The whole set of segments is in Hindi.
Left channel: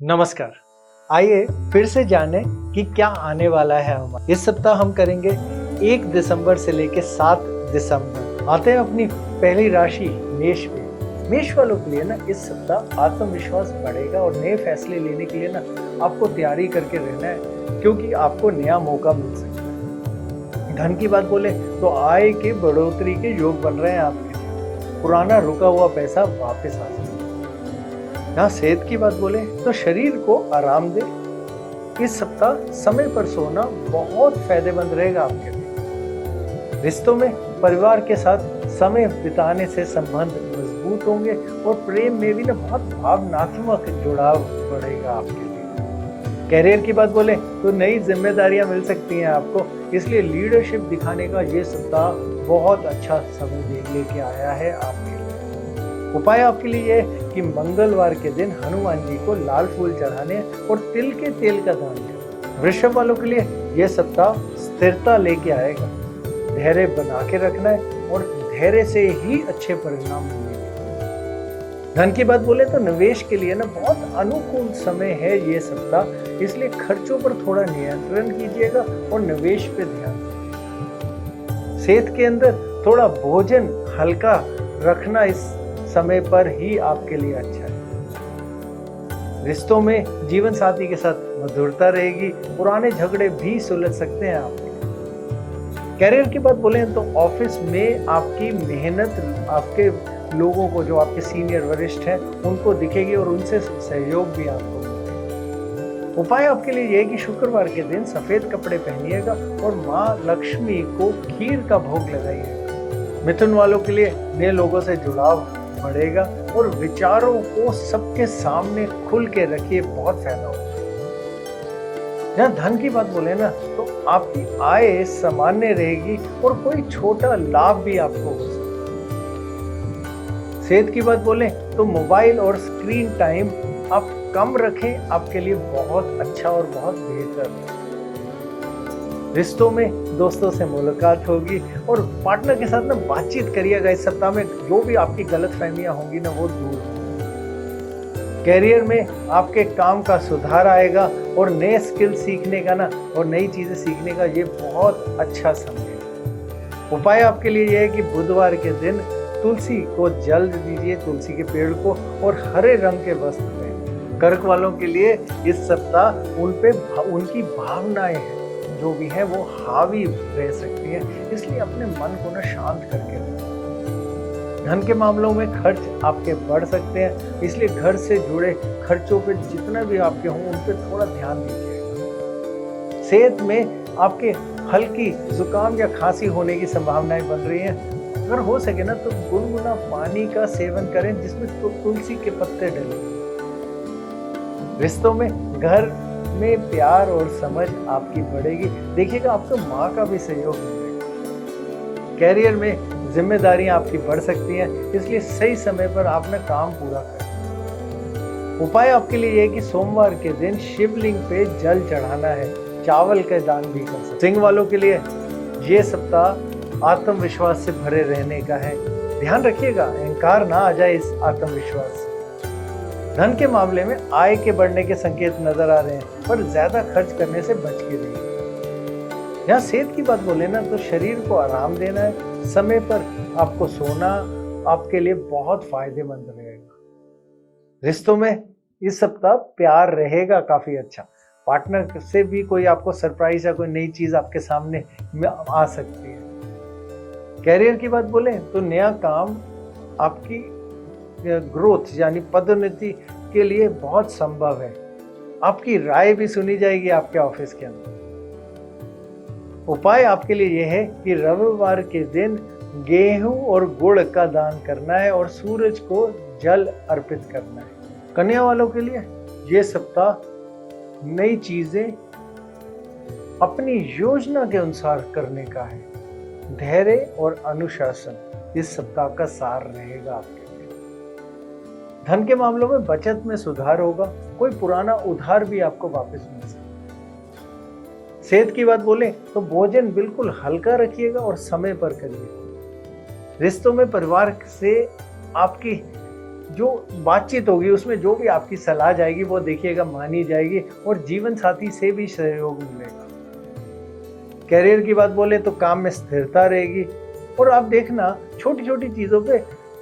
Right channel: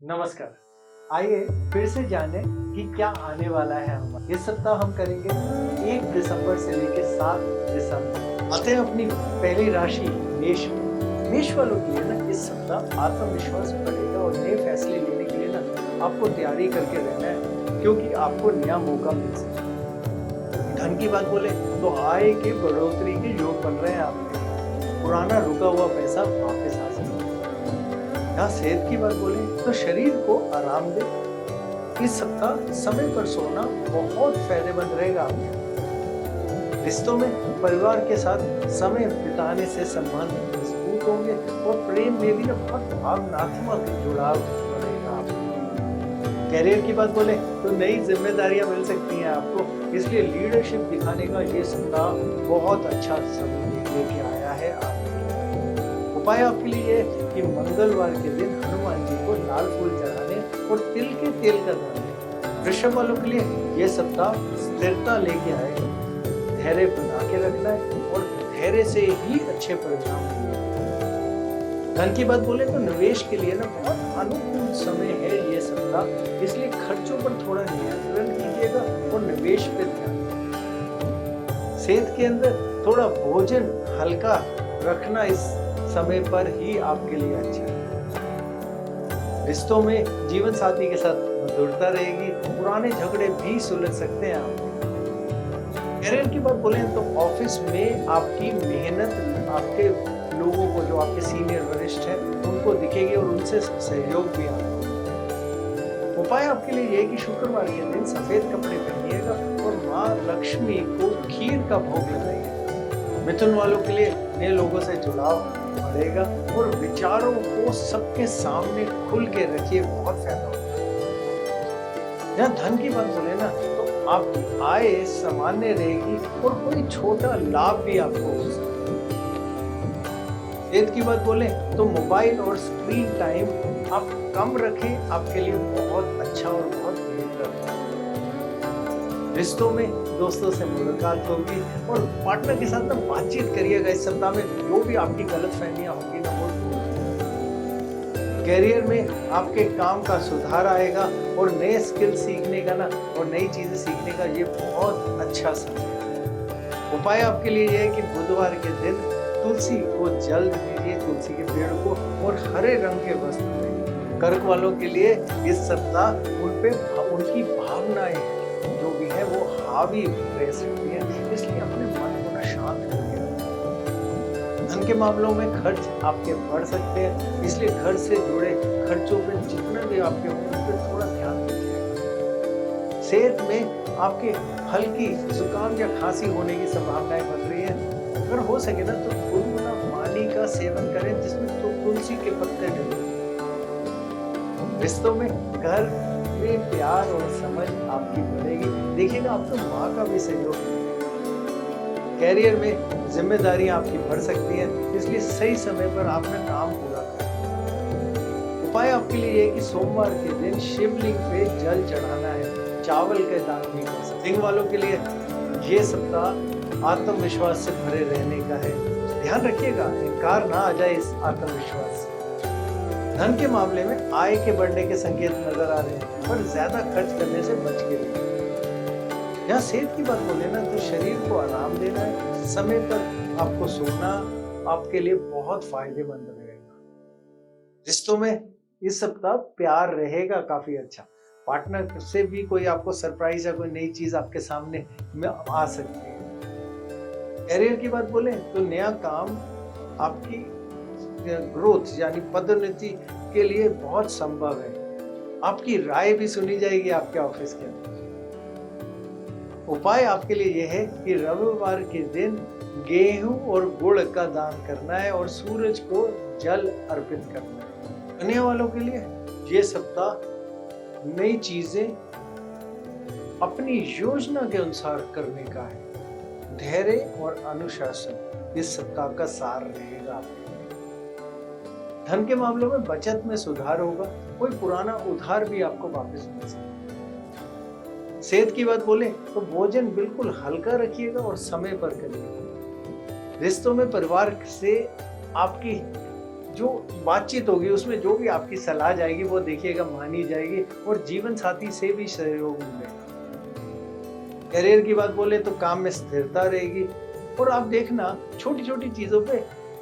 नमस्कार। आइए फिर से जानें कि क्या आने वाला है हमारा। इस सप्ताह हम करेंगे 1 दिसंबर से लेकर 7 दिसंबर। आते हैं अपनी पहली राशि मेष में। मेष वालों के लिए ना इस सप्ताह आत्मविश्वास बढ़ेगा और नए फैसले लेने के लिए ना आपको तैयारी करके रहना है, क्योंकि आपको नया मौका मिल सकता है। धन की बात बोले तो आय की बढ़ोतरी के योग बन रहे हैं आपके। पुराना रुका हुआ पैसा वापस आ सकता है। यहाँ सेहत की बात बोले तो शरीर को आराम दे। इस सप्ताह समय पर सोना बहुत फायदेमंद रहेगा आपके लिए। रिश्तों में परिवार के साथ समय बिताने से संबंध मजबूत होंगे और प्रेम में भी ना बहुत भावनात्मक जुड़ाव बढ़ेगा आपके लिए। कैरियर की बात बोले तो नई जिम्मेदारियां मिल सकती हैं आपको, इसलिए लीडरशिप दिखाने का ये सप्ताह बहुत अच्छा समय लेके आया है आपके लिए। उपाय आपके लिए है कि मंगलवार के दिन हनुमान जी को लाल फूल चढ़ाने और तिल के तेल का दान दें। वृषभ वालों के लिए यह सप्ताह स्थिरता लेके आएगा। धैर्य बना के रखना है और धैर्य से ही अच्छे परिणाम मिलेंगे। धन की बात बोले तो निवेश के लिए ना बहुत अनुकूल समय है ये सप्ताह, इसलिए खर्चों पर थोड़ा नियंत्रण कीजिएगा और निवेश पे ध्यान दें। सेहत के अंदर थोड़ा भोजन हल्का रखना इस समय पर ही आपके लिए अच्छा है। रिश्तों में जीवन साथी के साथ मधुरता रहेगी। पुराने झगड़े भी सुलझ सकते हैं आपके। कैरियर की बात बोले तो ऑफिस में आपकी मेहनत आपके लोगों को, जो आपके सीनियर वरिष्ठ हैं, उनको दिखेगी और उनसे सहयोग भी आपको। उपाय आपके लिए यह है कि शुक्रवार के दिन सफेद कपड़े पहनिएगा और माँ लक्ष्मी को खीर का भोग लगाइएगा। मिथुन वालों के लिए नए लोगों से जुड़ाव बढ़ेगा और विचारों को सबके सामने खुल के रखिए, बहुत फायदा होगा। जहाँ धन की बात बोले ना तो आपकी आय सामान्य रहेगी और कोई छोटा लाभ भी आपको हो सकता है। सेहत की बात बोले तो मोबाइल और स्क्रीन टाइम आप कम रखें, आपके लिए बहुत अच्छा और बहुत बेहतर है। रिश्तों में दोस्तों से मुलाकात होगी और पार्टनर के साथ ना बातचीत करिएगा। इस सप्ताह में जो भी आपकी गलतफहमियां होंगी ना वो दूर होंगी। कैरियर में आपके काम का सुधार आएगा और नए स्किल सीखने का ना और नई चीजें सीखने का ये बहुत अच्छा समय है। उपाय आपके लिए यह है कि बुधवार के दिन तुलसी को जल दीजिए, तुलसी के पेड़ को, और हरे रंग के वस्त्र दें। कर्क वालों के लिए इस सप्ताह उन पे उनकी भावनाएं जो भी है वो हावी रह सकती है, इसलिए अपने मन को ना शांत करके। धन के मामलों में खर्च आपके बढ़ सकते हैं, इसलिए घर से जुड़े खर्चों पे जितना भी आपके होंगे उन पर थोड़ा ध्यान दीजिए। सेहत में आपके हल्की जुकाम या खांसी होने की संभावनाएं बन रही है। अगर हो सके ना तो गुनगुना पानी का सेवन करें जिसमें तुलसी के पत्ते डलें। रिश्तों में घर में प्यार और समझ आपकी बढ़ेगी। देखिएगा आपको माँ का भी सहयोग मिलेगा। कैरियर में जिम्मेदारियां आपकी बढ़ सकती हैं, इसलिए सही समय पर आपने काम पूरा करें। उपाय आपके लिए यह है कि सोमवार के दिन शिवलिंग पे जल चढ़ाना है, चावल का दान भी कर सकते। सिंह वालों के लिए ये सप्ताह आत्मविश्वास से भरे रहने का है। ध्यान रखिएगा अहंकार ना आ जाए इस आत्मविश्वास से। धन के मामले में आय के बढ़ने के संकेत नजर आ रहे हैं, पर ज्यादा खर्च करने से बच के रहिए। यहाँ सेहत की बात बोले ना तो शरीर को आराम देना है, समय पर आपको सोना आपके लिए बहुत फायदेमंद रहेगा। रिश्तों में इस सप्ताह प्यार रहेगा काफी अच्छा। पार्टनर से भी कोई आपको सरप्राइज या कोई नई चीज आपके सामने में आ सकती है। कैरियर की बात बोले तो नया काम आपकी ग्रोथ यानी पदोन्नति के लिए बहुत संभव है। आपकी राय भी सुनी जाएगी आपके ऑफिस के अंदर। उपाय आपके लिए यह है कि रविवार के दिन गेहूं और गुड़ का दान करना है और सूरज को जल अर्पित करना है। कन्या वालों के लिए यह सप्ताह नई चीजें अपनी योजना के अनुसार करने का है। धैर्य और अनुशासन इस सप्ताह का सार रहेगा आपके लिए। धन के मामलों में बचत में सुधार होगा, कोई पुराना उधार भी आपको वापस मिल सकता है। सेहत की बात बोले तो भोजन बिल्कुल हल्का रखिएगा और समय पर करिएगा। रिश्तों में परिवार से आपकी जो बातचीत होगी उसमें जो भी आपकी सलाह जाएगी वो देखिएगा मानी जाएगी और जीवन साथी से भी सहयोग मिलेगा। करियर की बात बोले तो काम में स्थिरता रहेगी और आप देखना छोटी छोटी चीज़ों पे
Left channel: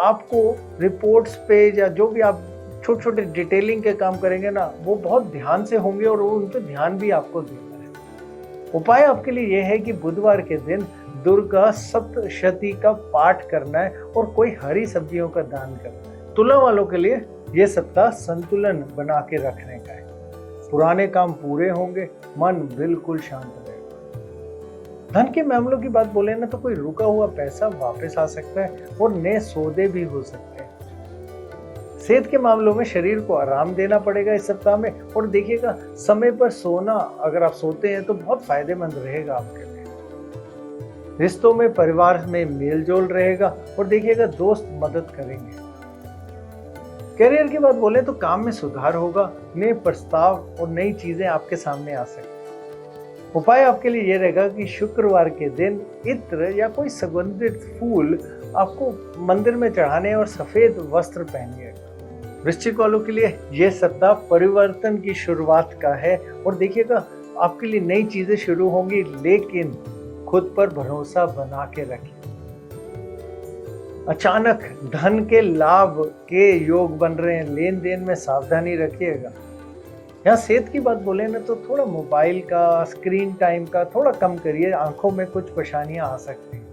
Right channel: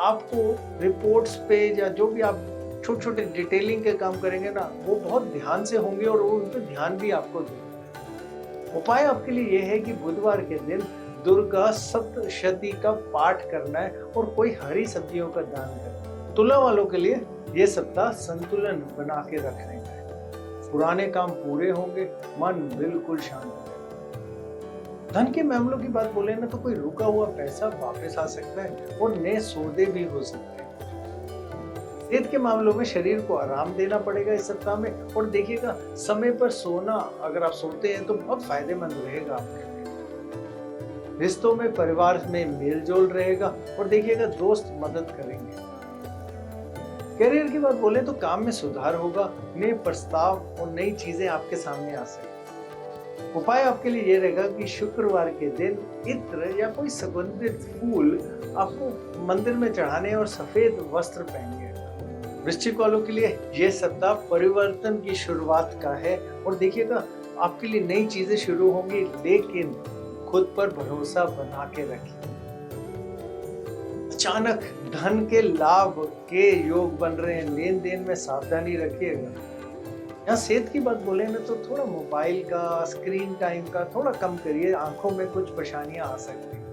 आपको रिपोर्ट्स पे या जो भी आप छोटे छोटे डिटेलिंग के काम करेंगे ना वो बहुत ध्यान से होंगे और उन पर ध्यान भी आपको देंगे। उपाय आपके लिए यह है कि बुधवार के दिन दुर्गा सप्तशती का पाठ करना है और कोई हरी सब्जियों का दान करना है। तुला वालों के लिए यह सप्ताह संतुलन बना के रखने का है। पुराने काम पूरे होंगे, मन बिल्कुल शांत होगा। धन के मामलों की बात बोले ना तो कोई रुका हुआ पैसा वापस आ सकता है और नए सौदे भी हो सकते हैं। सेहत के मामलों में शरीर को आराम देना पड़ेगा इस सप्ताह में और देखिएगा समय पर सोना, अगर आप सोते हैं तो बहुत फायदेमंद रहेगा आपके लिए। रिश्तों में परिवार में मेल जोल रहेगा और देखिएगा दोस्त मदद करेंगे। करियर की बात बोले तो काम में सुधार होगा, नए प्रस्ताव और नई चीजें आपके सामने आ सकती हैं। उपाय आपके लिए यह रहेगा कि शुक्रवार के दिन इत्र या कोई सुगंधित फूल आपको मंदिर में चढ़ाने और सफेद वस्त्र पहनिए। वृश्चिक वालों के लिए यह सप्ताह परिवर्तन की शुरुआत का है और देखिएगा आपके लिए नई चीजें शुरू होंगी, लेकिन खुद पर भरोसा बना के रखिए। अचानक धन के लाभ के योग बन रहे हैं, लेन देन में सावधानी रखिएगा। यहाँ सेहत की बात बोले ना तो थोड़ा मोबाइल का स्क्रीन टाइम का थोड़ा कम करिए, आंखों में कुछ परेशानियां आ सकती हैं।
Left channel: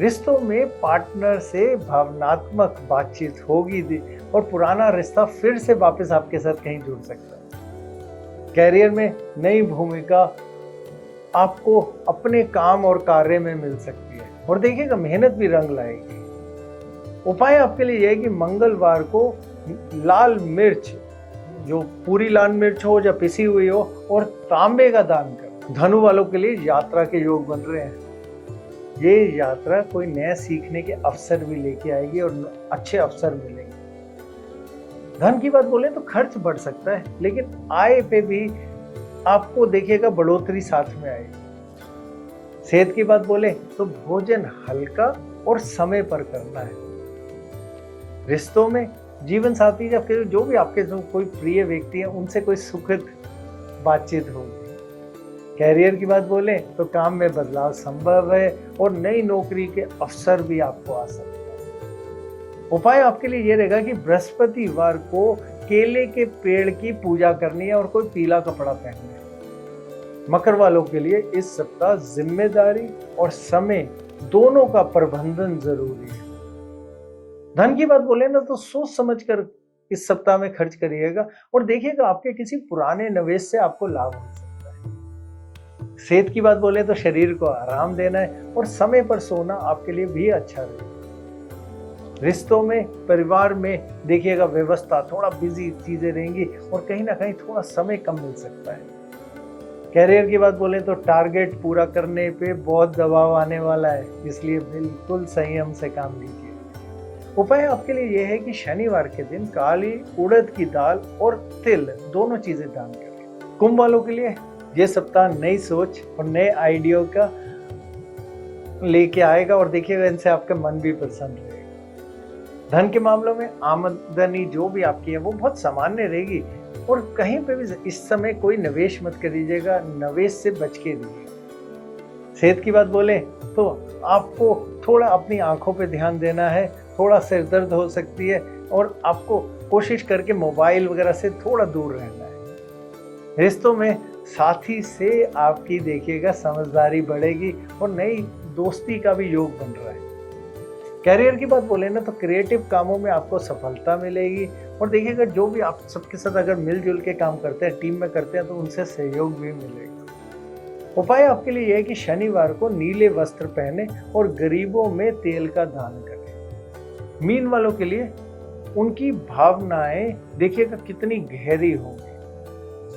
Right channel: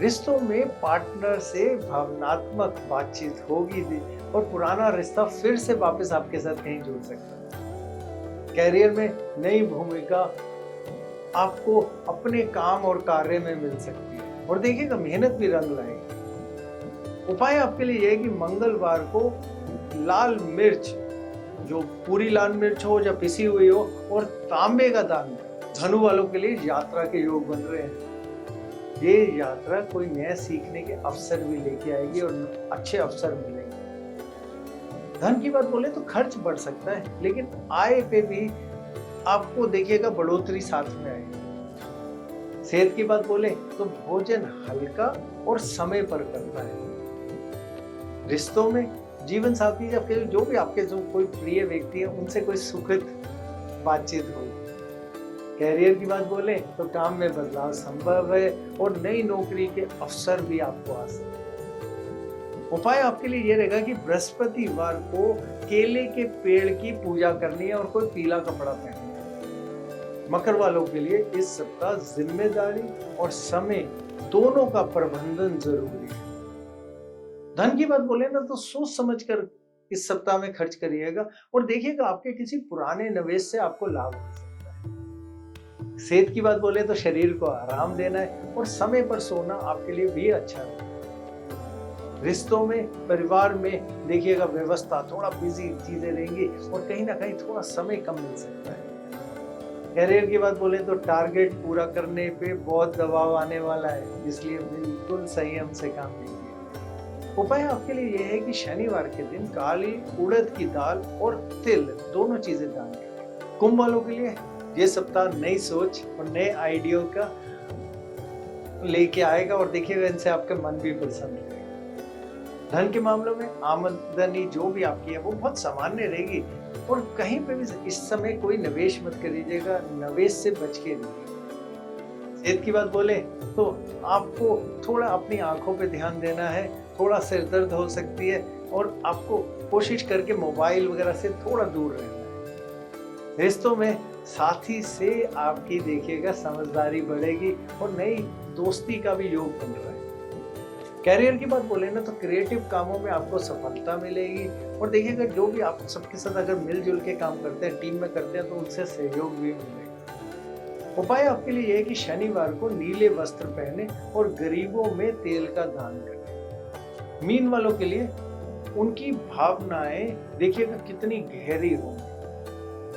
रिश्तों में पार्टनर से भावनात्मक बातचीत होगी और पुराना रिश्ता फिर से वापस आपके साथ कहीं जुड़ सकता है। कैरियर में नई भूमिका आपको अपने काम और कार्य में मिल सकती है और देखिएगा मेहनत भी रंग लाएगी। उपाय आपके लिए यह है कि मंगलवार को लाल मिर्च, जो पूरी लाल मिर्च हो या पिसी हुई हो, और तांबे का दान करें। धनु वालों के लिए यात्रा के योग बन रहे हैं। ये यात्रा कोई नया सीखने के अवसर भी लेके आएगी और अच्छे अवसर मिलेंगे। धन की बात बोले तो खर्च बढ़ सकता है, लेकिन आय पे भी आपको देखिएगा बढ़ोतरी साथ में आएगी। सेहत की बात बोले तो भोजन हल्का और समय पर करना है। रिश्तों में जीवन साथी या फिर जो भी आपके जो कोई प्रिय व्यक्ति है उनसे कोई सुखद बातचीत होगी। कैरियर की बात बोले तो काम में बदलाव संभव है और नई नौकरी के अवसर भी आपको आ सकते हैं। उपाय आपके लिए यह रहेगा कि बृहस्पतिवार को केले के पेड़ की पूजा करनी है और कोई पीला कपड़ा पहनना है। मकर वालों के लिए इस सप्ताह जिम्मेदारी और समय दोनों का प्रबंधन जरूरी है। धन की बात बोले ना तो सोच समझकर इस सप्ताह में खर्च करिएगा और देखिएगा आपके किसी पुराने निवेश से आपको लाभ हो सकता है। सेहत की बात बोले तो शरीर को आराम देना है और समय पर सोना आपके लिए भी अच्छा है। रिश्तों में, परिवार में देखिएगा व्यवस्था, थोड़ा बिजी चीजें रहेंगी और कहीं ना कहीं थोड़ा समय कम मिल सकता है। कैरियर की बात बोले तो टारगेट पूरा करने पे बहुत दबाव आने वाला है, इसलिए बिल्कुल संयम से काम लीजिए। उपाय आपके लिए यह है कि शनिवार के दिन काली उड़द की दाल और तिल दोनों चीजें दान करें। कुंभ वालों के लिए यह सप्ताह नई सोच और नए आइडिया का लेके आएगा और देखिएगा इनसे आपका मन भी प्रसन्न रहेगा। धन के मामलों में आमदनी जो भी आपकी है वो बहुत सामान्य रहेगी और कहीं पे भी इस समय कोई निवेश मत करिएगा, निवेश से बच के रहिए। सेहत की बात बोले तो आपको थोड़ा अपनी आंखों पे ध्यान देना है, थोड़ा सिर दर्द हो सकती है और आपको कोशिश करके मोबाइल वगैरह से थोड़ा दूर रहना है। रिश्तों में साथी से आपकी देखिएगा समझदारी बढ़ेगी और नई दोस्ती का भी योग बन रहा है। कैरियर की बात बोले ना तो क्रिएटिव कामों में आपको सफलता मिलेगी और देखिएगा जो भी आप सबके साथ अगर मिलजुल के काम करते हैं, टीम में करते हैं, तो उनसे सहयोग भी मिलेगा। उपाय आपके लिए यह है कि शनिवार को नीले वस्त्र पहने और गरीबों में तेल का दान करें। मीन वालों के लिए उनकी भावनाएं देखिएगा कितनी गहरी होंगी,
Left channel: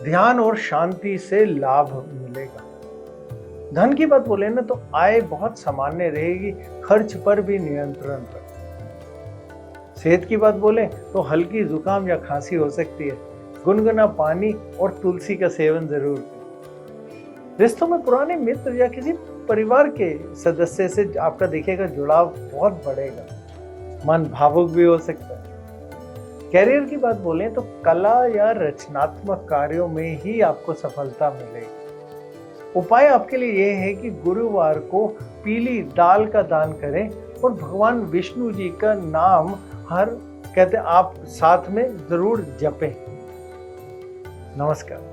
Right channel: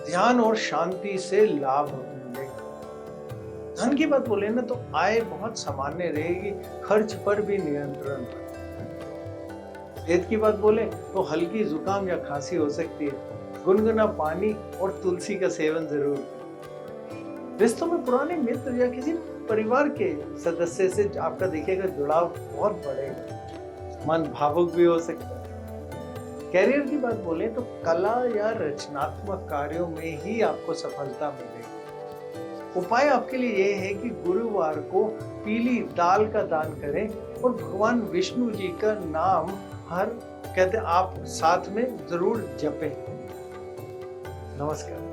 ध्यान और शांति से लाभ मिलेगा। धन की बात बोले ना तो आय बहुत सामान्य रहेगी, खर्च पर भी नियंत्रण रखें। सेहत की बात बोले तो हल्की जुकाम या खांसी हो सकती है, गुनगुना पानी और तुलसी का सेवन जरूर करें। रिश्तों में पुराने मित्र या किसी परिवार के सदस्य से आपका देखिएगा जुड़ाव बहुत बढ़ेगा, मन भावुक भी हो सकता है। कैरियर की बात बोलें तो कला या रचनात्मक कार्यों में ही आपको सफलता मिलेगी। उपाय आपके लिए ये है कि गुरुवार को पीली दाल का दान करें और भगवान विष्णु जी का नाम हर कहते आप साथ में जरूर जपें। नमस्कार।